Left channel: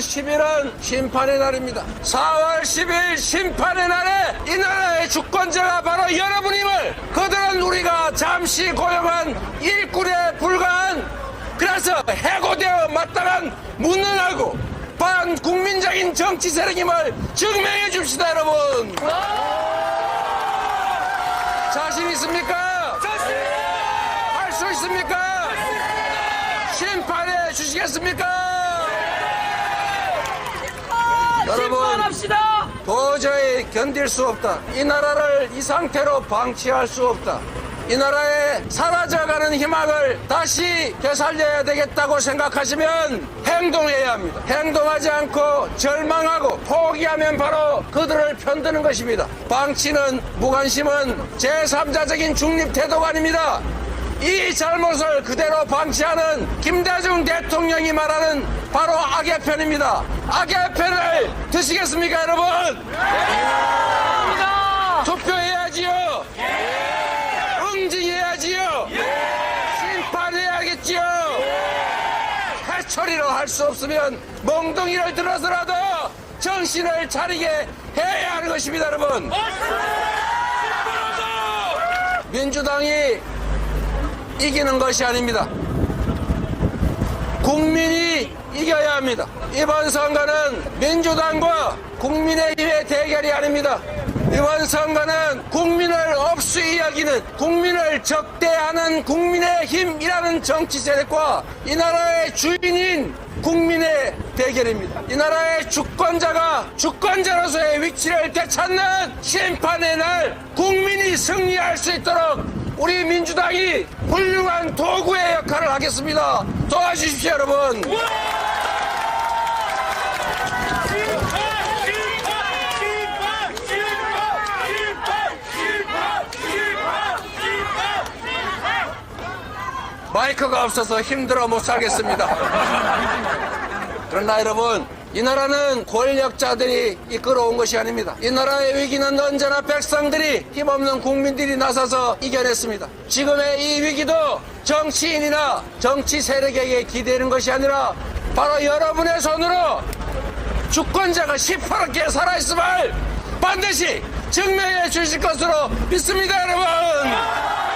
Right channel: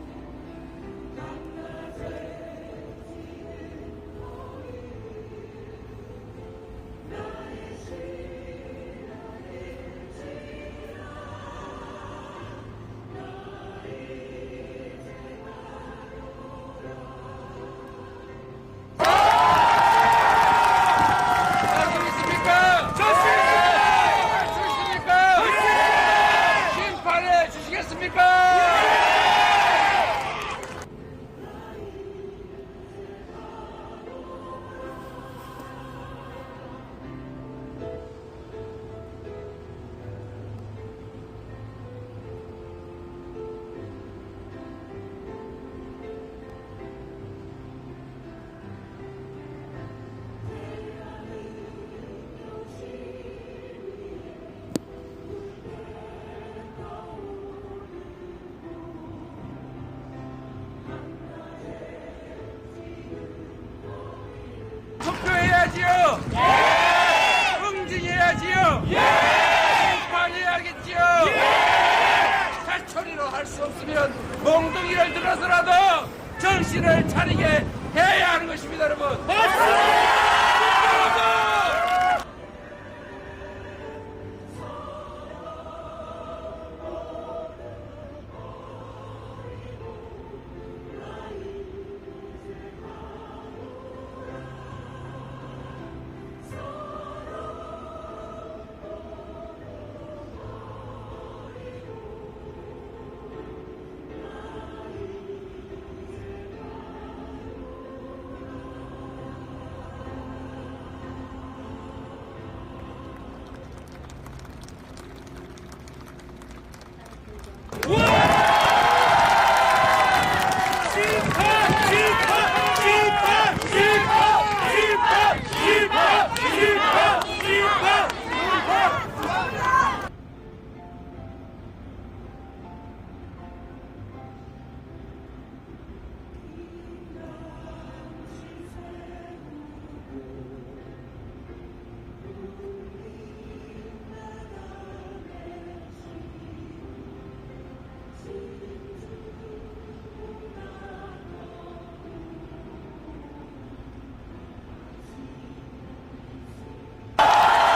10일은 심판의 날입니다. 4월 10일 심판의 날에 이 나라의 주권자가 바로 여러분임을 그들은 우리가 잠시 고용한 일꾼에 불과한 그래서 해고되어 마땅한 무능하고 반국민적인 정치 세력임을 증명해 줍시다 여러분. 자신 있습니까? 할 수 있습니까? 심판해 주시겠습니까? 여러분 심판합시다. 견딜 수 없다. 이 나라를 이 상태로 방치할 수 없다. 이 나라의 사라져가는 희망을 다시 되살려야 되겠다고 생각하시면 행동해야 합니다. 행동하지 않고 절망하고 포기하면 바로 그들을 편드는 것입니다. 방치는 무관심은 제3자적인 중립 태도가 아닙니다. 이 잘못을 그대로 방치하는 김대중 대통령이 말하는 바로 악의 편입니다. 악의 편을 드시겠습니까, 여러분? 투표해야지요. 응징해야지요. 심판해야겠지요. 해처리로 할 수 없으면 멍둥이를 들어서라도 정신을 차리게 해야 하는 것입니다, 여러분. 민주당이 이기는 것이 아닙니다. 국민이 이겨야 합니다. 이번 선거는 민주당과 국민의힘의 대결이 아닙니다. 이번 선거는 국민을 없이 이야기는 국민을 적대하는 국민의힘이라는 정치 세력과 이 나라의 주인인 국민의 대결입니다. 이 나라의 주권자가 주권자로서의 위치를 되찾는 심판의 날 국민이 승리할 수 있도록 우리 민주당이 훌륭한 도구의 역할을 하겠습니다. 도와주십시오, 여러분. 마이크가 없어서 힘들어 못 살겠습니다. 그러나 여러분, 이 나라는 권력자들이 이끌어온 것이 아닙니다. 이 나라의 위기는 언제나 백성들이 힘없는 국민들이 나서서 이겨냈습니다. 지금의 이 위기도 정치인이나 정치 세력에게 기대는 것이 아니라 바로 여러분의 손으로 주권자가 시퍼렇게 살아있음을 반드시 증명해 주실 것으로 믿습니다, 여러분!